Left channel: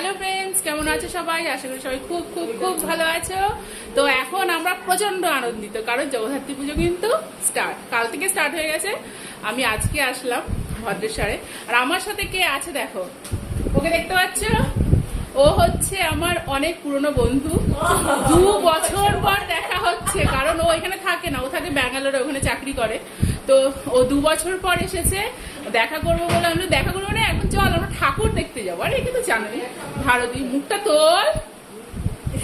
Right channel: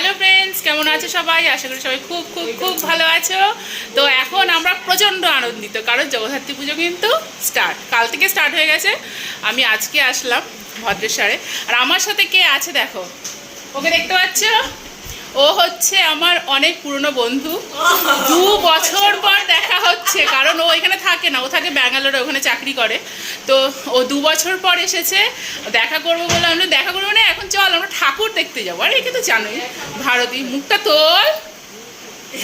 Hello friends, কেমন আছো সবাই? আশা করি সবাই খুব খুব খুব ভালো আছো। তো এখন আমরা প্রচণ্ড আনন্দিত, কারণ জগদ্ধাত্রী পুজো কিন্তু কাল থেকে স্টার্ট হয়ে গেছে। আমি আজকে আসলাম ভদ্রেশ্বরে, আর আমার সাথে কে আছে দেখো, ওকে দেখতে পাচ্ছ? ও হচ্ছে আমার অনেক পুরনো বন্ধু। 2 বছর পর দেখা হচ্ছে, কারণ ও এখানে থাকে না, ও থাকে ব্যাঙ্গালোরে, ওখানে চাকরি করে। তো ও 2 বছর পর এসেছে, দেখা করবো বলে। আমরা দেখা করবো না, এখন চল আমরা ঠাকুর দেখতে যাবো। আর একে তো জানোই, ভারতী, মুখটা তোর।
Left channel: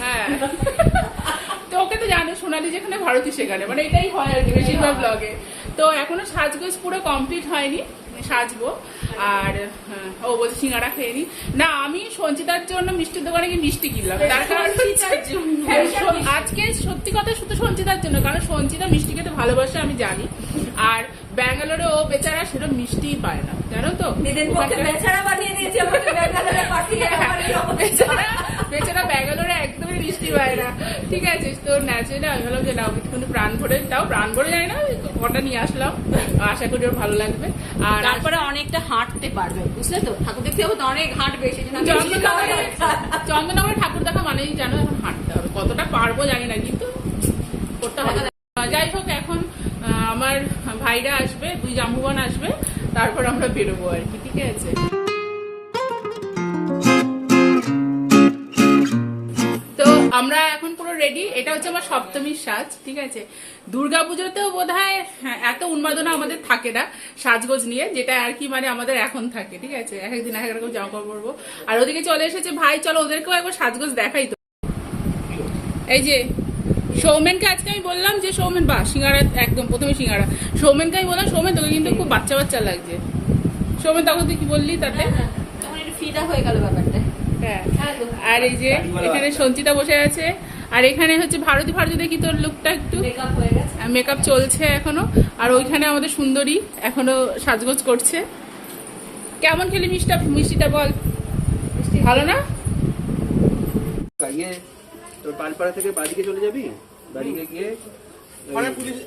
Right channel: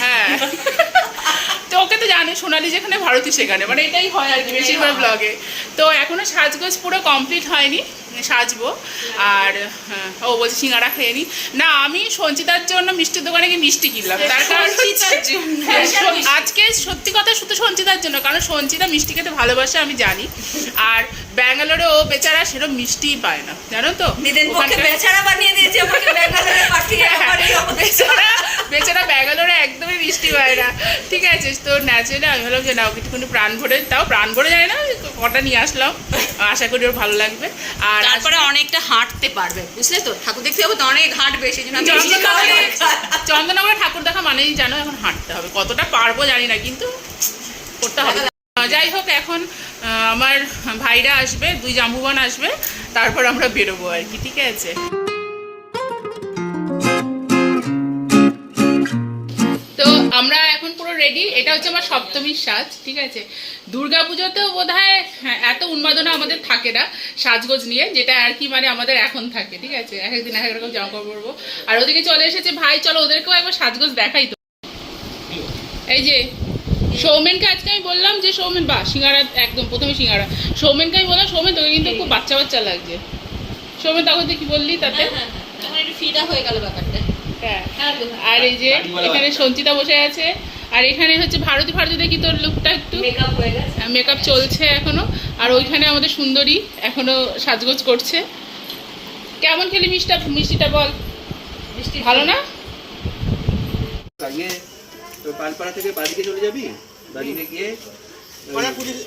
হ্যাঁ, তো ওকে তো জানো, সোনালি যেখানে ভারতী সেখানে, মানে এটাই হয় আর কি বেশিরভাগ ব্লগে। তো এখনো সাজগোজ পুরো কমপ্লিট হয়নি, সাজবো। আর ও বলছে সিঙ্গাড়া খেয়ে নি না। আমি সঞ্চিতার জন্য মিষ্টির দোকানে গিয়ে মিষ্টি কিনলাম, তার কারণ আজকে সত্যি কথা শুধু সঞ্চিতার জন্য, কারণ সঞ্চিতা মিষ্টি খেতে ভালোবাসে আমি জানি। আর ব্যাঙ্গালোরে ও বেচারা সেরকম মিষ্টিই পায় না, জানো তো। বেচারা ব্যাঙ্গালোরে একদমই মিষ্টি পায় না, ঠিক আছে। তো ন্যাচারালি আমি ভাবলাম যে না, ওকে একটুখানি প্রাণ ভরে, তাও প্রাণ ভরে যায় না, কটা নিয়ে আসলাম, আশা করি ওর ভালো লাগবে। আর তারপরে অনেকটা হাঁটতে পারবে, বুঝলে তো, ঠাকুর দেখতে হবে তো অনেক হাঁটবে, সেই জন্য চন্দননগরে ঠাকুর দেখা মানেই জানো এখন হাঁটতে হবে, কতটা পারবো জানি না, কিন্তু করতে হবে। যাই হোক, এখন আমার ভাইরা আসবে, 2 জাম্বুবান আসবে, তারপর আমরা বেরোবো আর কি, ঠিক আছে। তো আমরা এখন পুরো রেডি। এটা হচ্ছে আমার সপ্তমীর সাজ, ঠিক আছে। দুর্গাপুজোতেও বোধহয় এত উন্মাদনা আমাদের থাকে না সাজগোজ নিয়ে, যেটা আর কি মানে আমাদের এখন থাকে, ঠিক আছে। এক একদিন এক এক রকম জামা কাপড় পরবো। আর ওদিকে চলে এসেছে ভাই, চলো ওদেরকেও একবার সাজগোজ দেখাই। তো এই যে সৌমেনকে আজকে আমি বললাম যে সৌমেন, বা সিঙ্গারা, একদম প্রথমে সিঙ্গারা। সৌমেনকে আমি বললাম, সৌমেন তোকে কিন্তু খুব বাচ্চা বাচ্চা লাগছে। সৌমেন তখন তুই কি বললি তাতে? ফিটা হয়ে গেল ব্যাপারটা। হ্যাঁ, আর এই যে এখানে সঞ্চিতা বসে আছে, আর এখানে হচ্ছে ভারতী। দেখি তোর লুকটা একটু মেকআপ চলছে এখনো। আর ওইখানে আমাদের সুন্দরী এখনো সাজগোজ করছে। কেমন খেলি মিষ্টিটা বল? মিষ্টি ভালো না? পালপাড়া থেকে বাদিকে চলে যাবি, বাদিকে গিয়ে মানে পুলিশ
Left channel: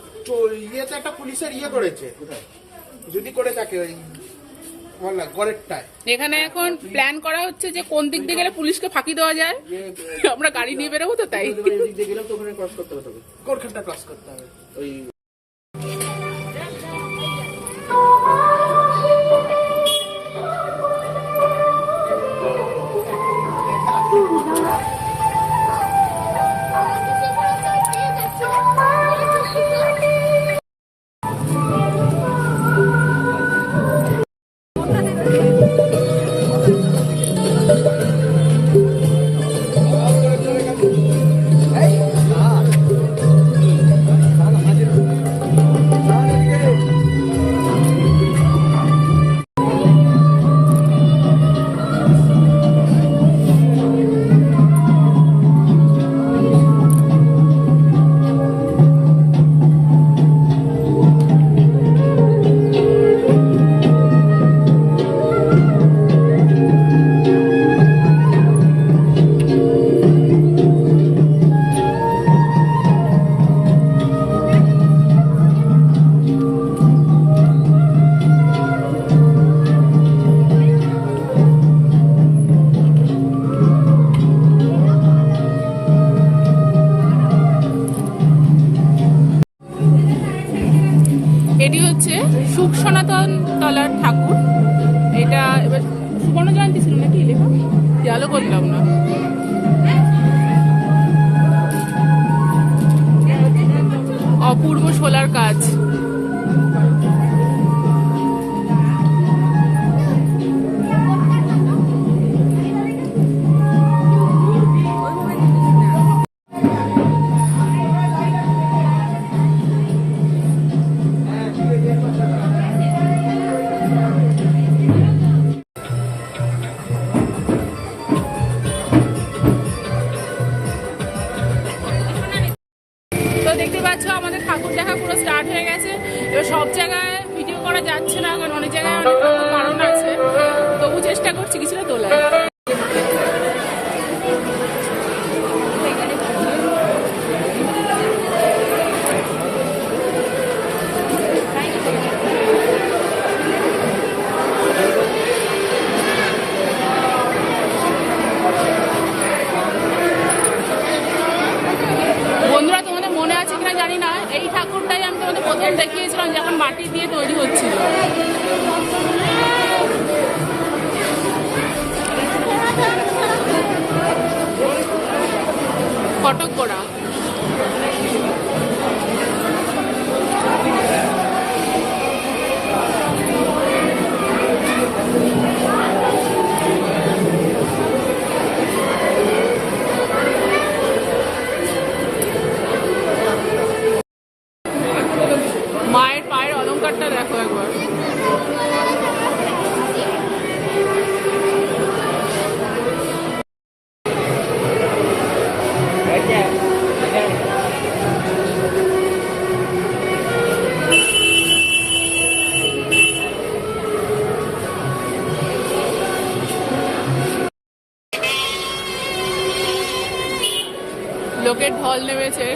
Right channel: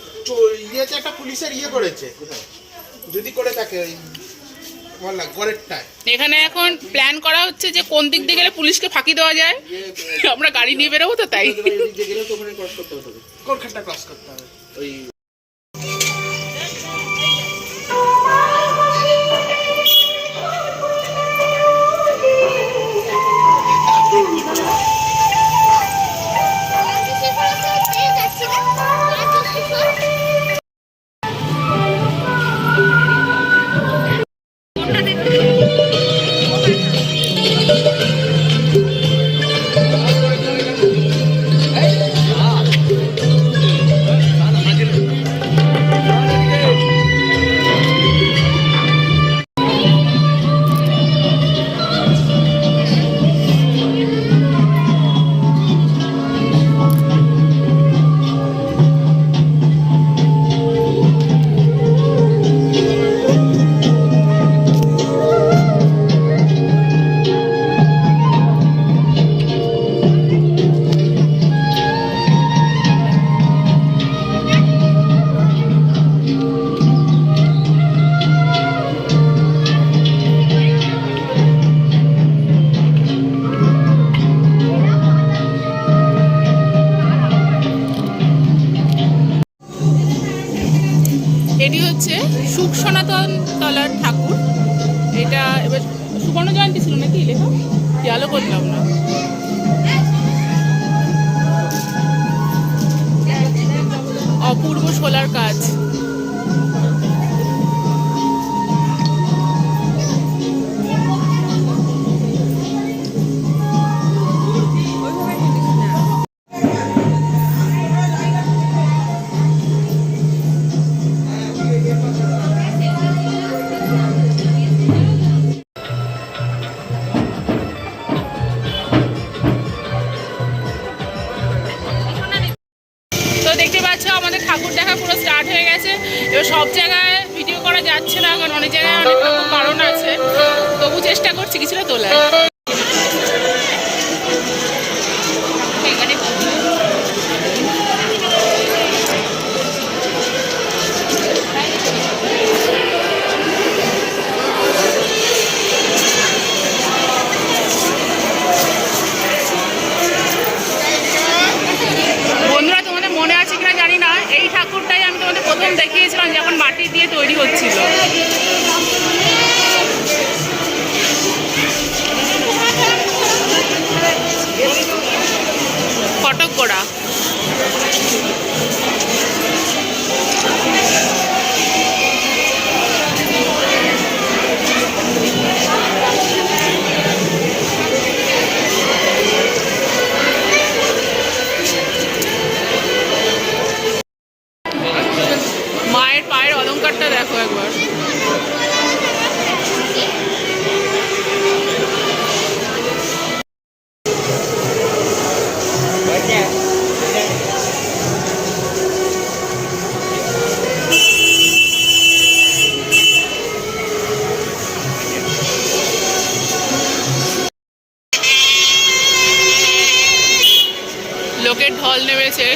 ইয়েতে একটা পুলিশের ইয়ে করেছে, যদি করে থাকে এখানে এখন প্ল্যান করা হচ্ছে যে কোন দিক দিয়ে গেলে পুলিশকে ফাঁকি দেওয়া যায়। আমরা গাড়ি নিয়ে বেরোবো, তো তাই কোনখানটা ক্রস করতে হবে ওই। এটি হচ্ছে সুখ সনাতন তলার ঠাকুর। এটা এবার সুবর্ণ জয়ন্তী ছিল নাকি লেখা, খেয়ালও করলাম না। অপূর্ব শোলার কাজ। দেখতে পাচ্ছ আমাদের ঠাকুর দেখা পুরো স্টার্ট হয়ে গেছে। এবার সব জায়গায় ভিডিও করা যাচ্ছে না, কারণ অনেক জায়গায় অনেক রকম কারণ আছে, তবু চেষ্টা করছি কিছুটা তোলার। প্রথম দেখিয়েছিলাম যখন মাটি দিয়ে তৈরি হচ্ছিল। কটক করা মায়ের পায়ের অলংকারটা দেখো একবার। লোকের ঢল নেমেছে।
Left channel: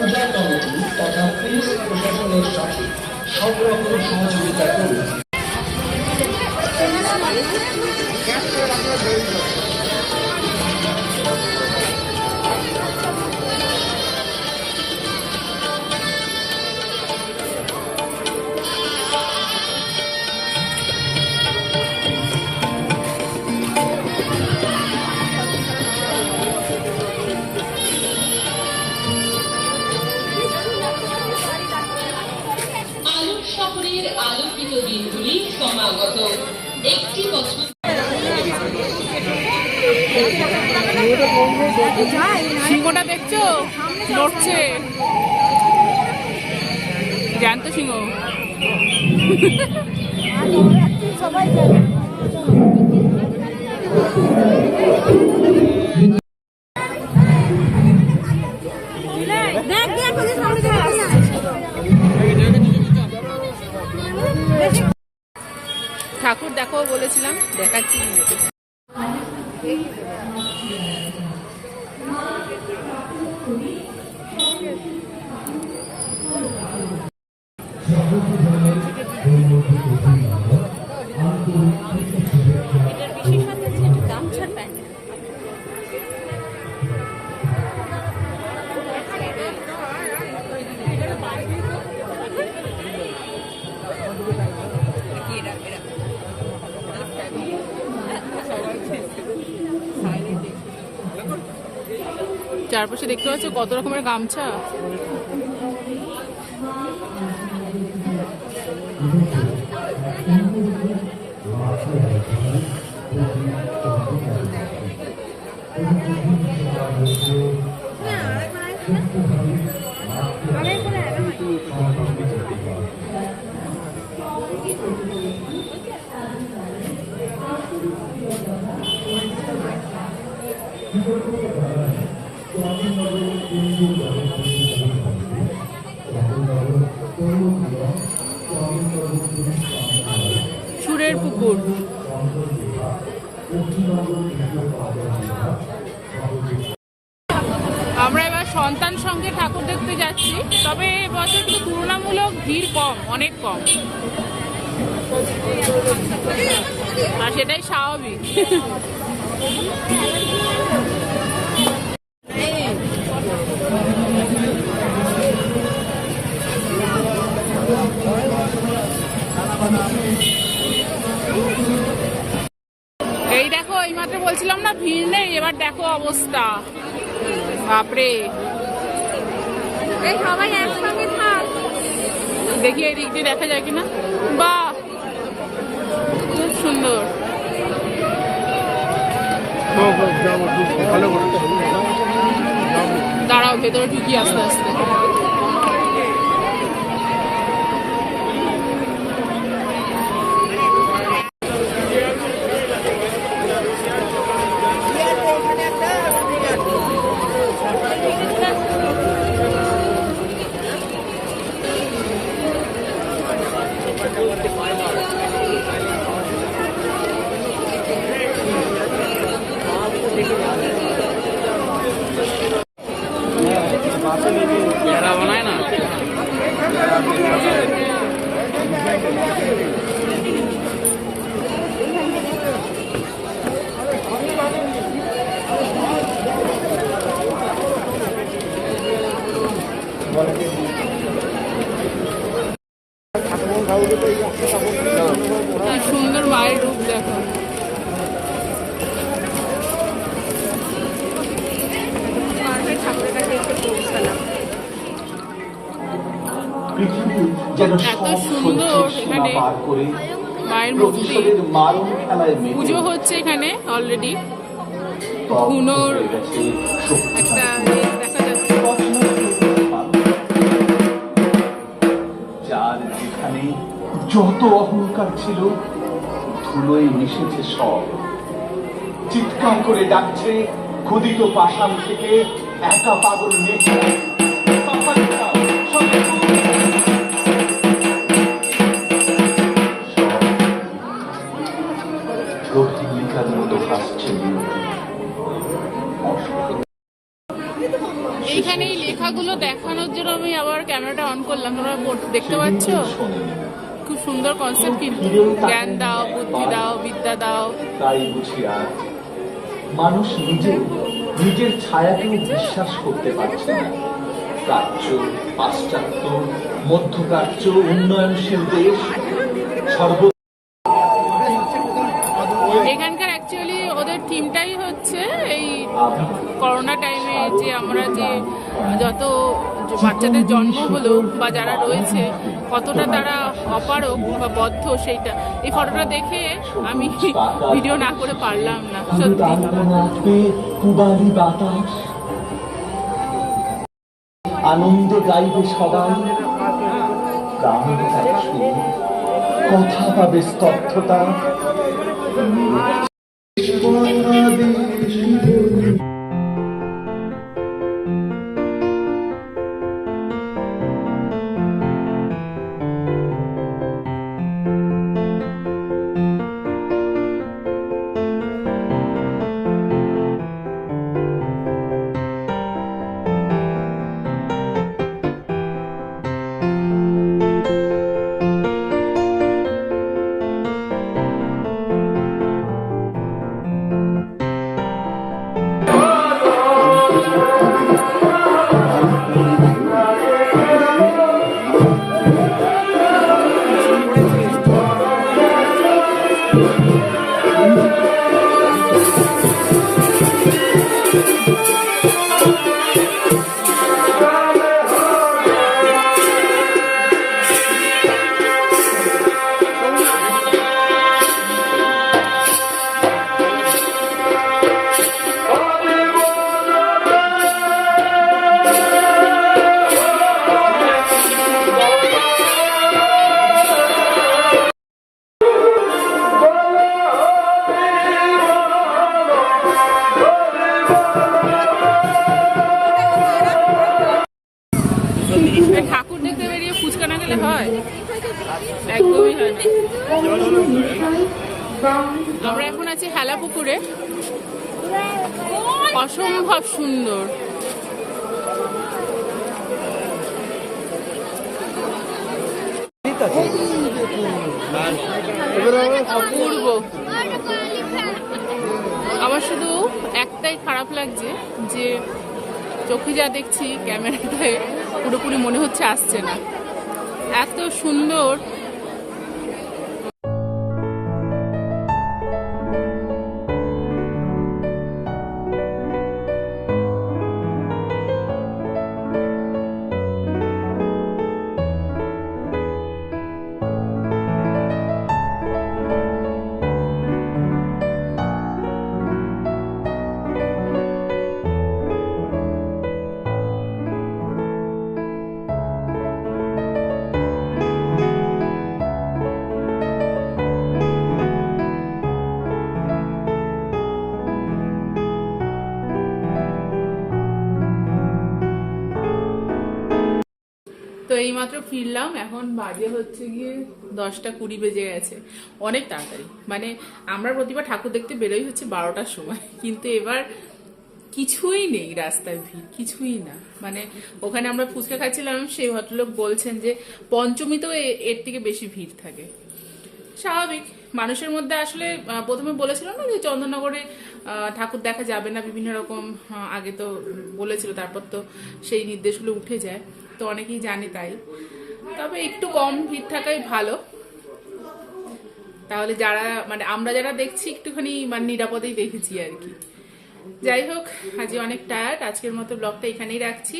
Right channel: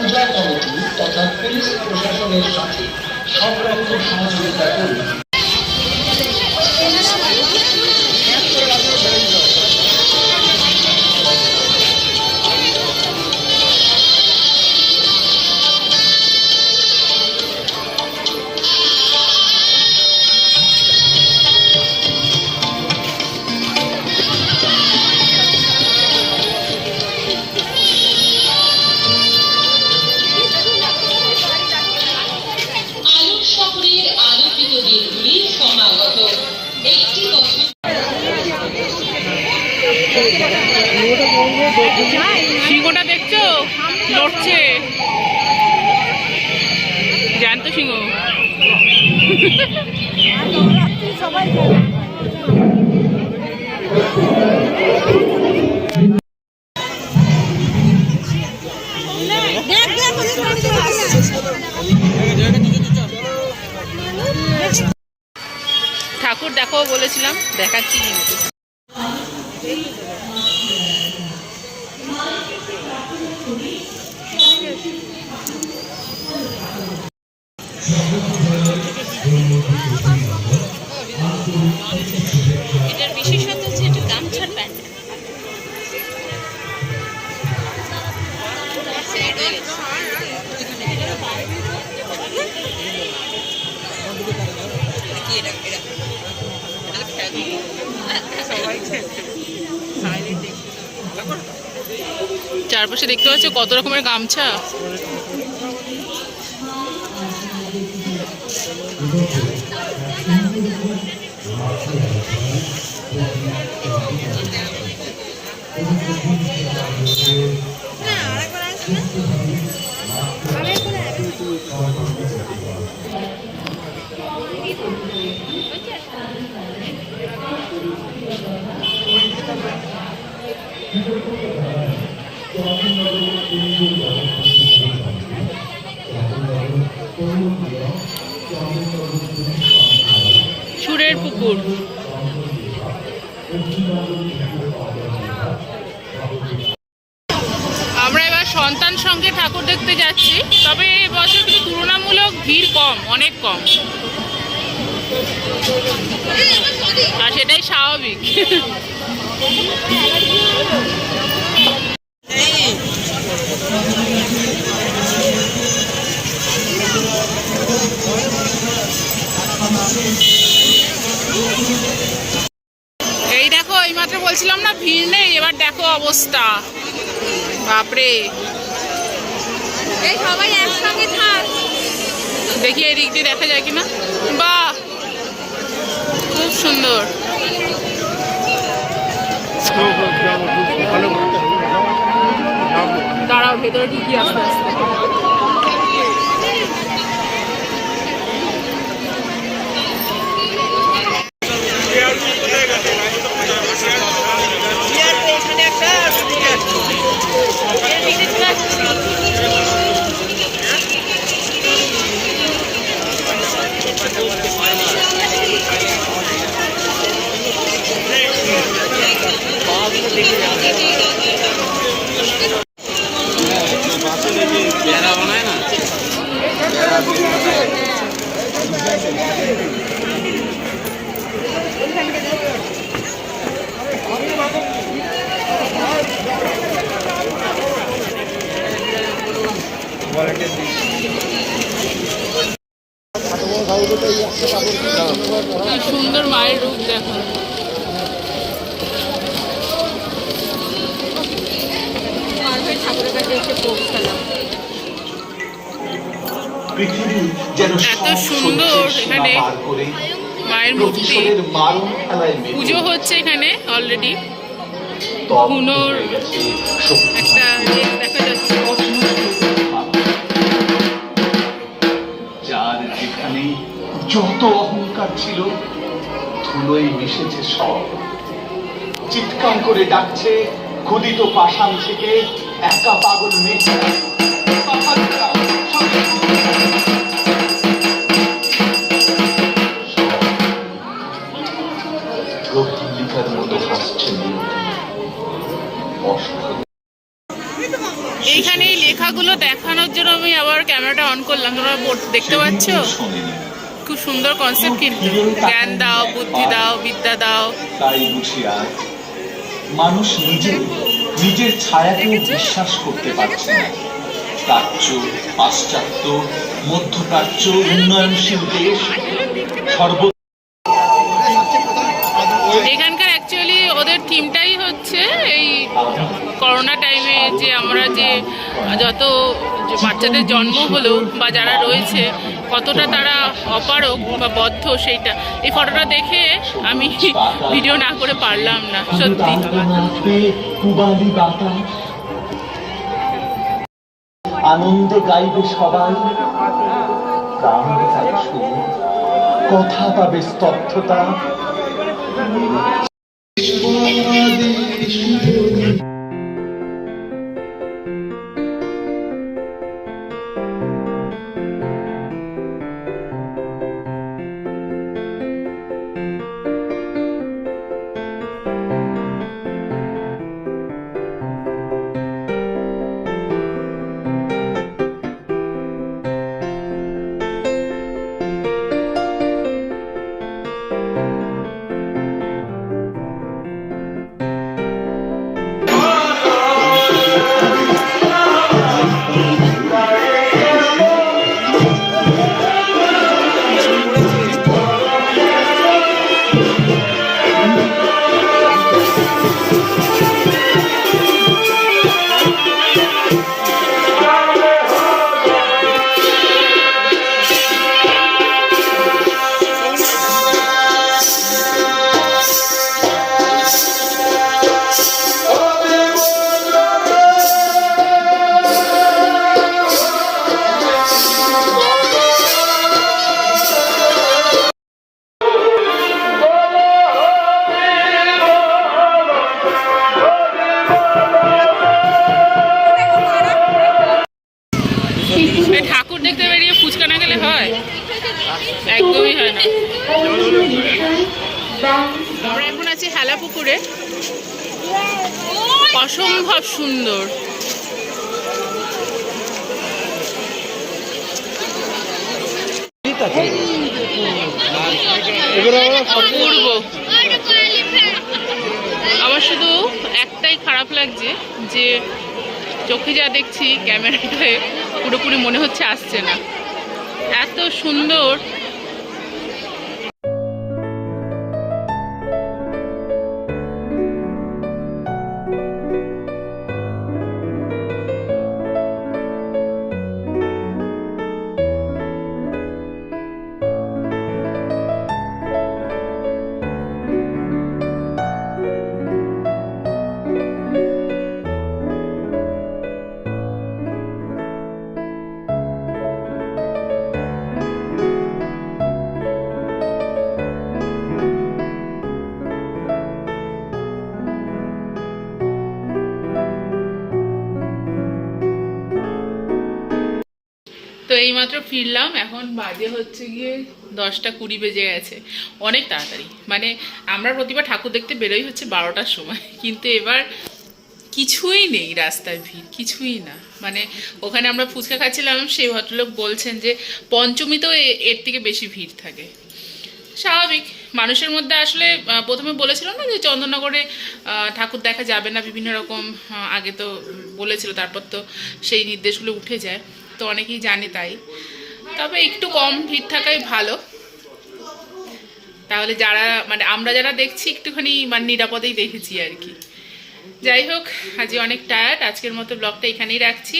পূজা কমিটি তথা পুলিশ প্রশাসনের সাথে সব রকম সহযোগিতা করুন। শহরের আলোকিত দিনগুলি সমাগত একটি বছর। সিংহটা দেখছো লড়ছে, জ্যান্ত সিংহ। ঠাকুর দেখো বলেছিলাম, দেখাচ্ছি কিন্তু। এটার বিশেষত্ব হচ্ছে একটু গামছার প্যান্ট। চারপাশে দেখতে পাচ্ছ কত রকমের গামছা। সুরের পুকুর। আমরা এবার সন্তান সঙ্গে ঠাকুর দেখতে যাচ্ছি, তবে এবছর কিন্তু তুলনামূলক ভিড় কম, অনেক কম, আর সেটাই স্বাভাবিক। এই দেখো, এইমাত্র বলছিলাম না ভিড় নেই, এবার দেখো অবস্থা, বাপরে। সবাই একসঙ্গে থাক। দেখি এই দিক দিয়ে দেখা যায় কিনা। বাহ, খুব সুন্দর। দাঁড়াও, ভেতরে ঢুকি আস্তে আস্তে। এত সুন্দর এখানে মায়ের মূর্তি, পুজো হচ্ছে এখানে অলরেডি। ধুনোর একটা দেখা যাচ্ছে। যার যেখানে যত অহংকার ছিল ধুলোয় মিশেছে সব, চিৎকার করে ডাকছে খোদিত পাষাণ থেকে একা পাগল মেয়ে। এইখানে এই লেখাগুলো দেখানোর জন্য আমি আবার ক্যামেরাটা অন করলাম। তোমরা দেখতে পাচ্ছ? খুব সুন্দর কনসেপ্ট কিন্তু। জ্ঞান দাও, বুদ্ধি দাও, বিদ্যা দাও। তাই বুঝি আজ মানুষ নিজের ছায়াকেও বিশ্বাস করতে পারছে না। প্রাচ্য, পাশ্চাত্য, মধ্যপ্রাচ্য, উন্নয়নশীল দেশ সর্ব এখানকার অ্যাকচুয়ালি ওদের থিমটাই হচ্ছে এই করোনা টাইমে যে আমরা যে যত বাচ্চাদের জন্ম হলো বা যারা রয়েছে কতটা তারা অপারক বা বদ্ধ, সেইটা এই ফটোটা দেখে আমি ভিডিও না করে পারলাম না সত্যি। পূবালি বাতাস, আনন্দে গাইবে সবাই, গান পাবে সুর, কথা পাবে স্তব্ধতা। ঠাকুর দেখতে বেরিয়ে ফুচকা না খেলে হয়? একদমই হয় না। আমরা এখন আছি হেলা পুকুরে, অসম্ভব সুন্দর। অপূর্ব। আমার শুধু একটাই খারাপ লাগছে যে চোখে যা দেখছি ক্যামেরাটায় পুরোপুরি মনে হচ্ছে আসছে না, এত সুন্দর। তো এইমাত্র ফিরলাম, এখন বাজে হচ্ছে গিয়ে 10:20 বেজে গেছে। অনেক তাড়াতাড়ি, মানে আমরা প্রতিবার ঠাকুর দেখতে বেরোই হচ্ছে 12টার সময়, কিন্তু এবার কিছুই নেই রাস্তায়, ভিড় কিছুই না। মানে ওখানে আমরা ফুচকা খাচ্ছিলাম, সেই ভদ্রলোক বলছেন যে পঞ্চমীতেও এর থেকে বেশি ভিড় থাকে। স্বাভাবিক, মানুষের মধ্যে আসলে প্রথমে বলেছিল না যে চন্দননগরে ঠাকুর দেখা যাবে না, বিভিন্ন রকম আগে তো বলেছিল, তারপর তো সেই নির্দেশগুলো উঠে যায়, তো অনেকেই জানে তাই। তবে একটু কম ভিড় থাকাই ভালো, তাহলে যারা মানে আমরা যারা দেখছি একটুখানি মানে নিরাপদেই দেখেছি আর কি। যাই হোক, আজ অনেক টায়ার্ড, আজকের মতো ব্লগটা এখানেই রাখছি।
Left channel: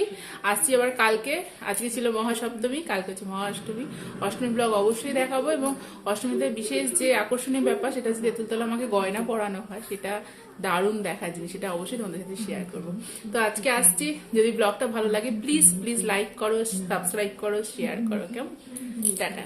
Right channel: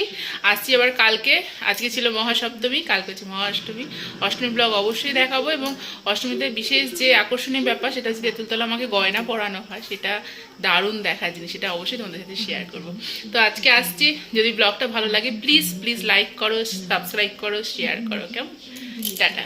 আসছি আবার কালকে। আজকে ছিল মহাসপ্তমী, কালকে হচ্ছে মহাষ্টমী। অষ্টমী ব্লগ অবশ্যই দেখাবো, এবং অষ্টমীতে বিশেষ যে আকর্ষণীয় ব্যাপার সেটা হচ্ছে তেঁতুলতলা আমাকে গয়না পরানো হয়, সেটা দারুণ দেখার জিনিস, সেটা অবশ্যই তোমাদের সাথে শেয়ার করবো। তো আজকে আসছি, যদি ব্লগটা ভালো লাগে প্লিজ প্লিজ লাইক করো, সাবস্ক্রাইব করো, শেয়ার করো, কেমন? টাটা।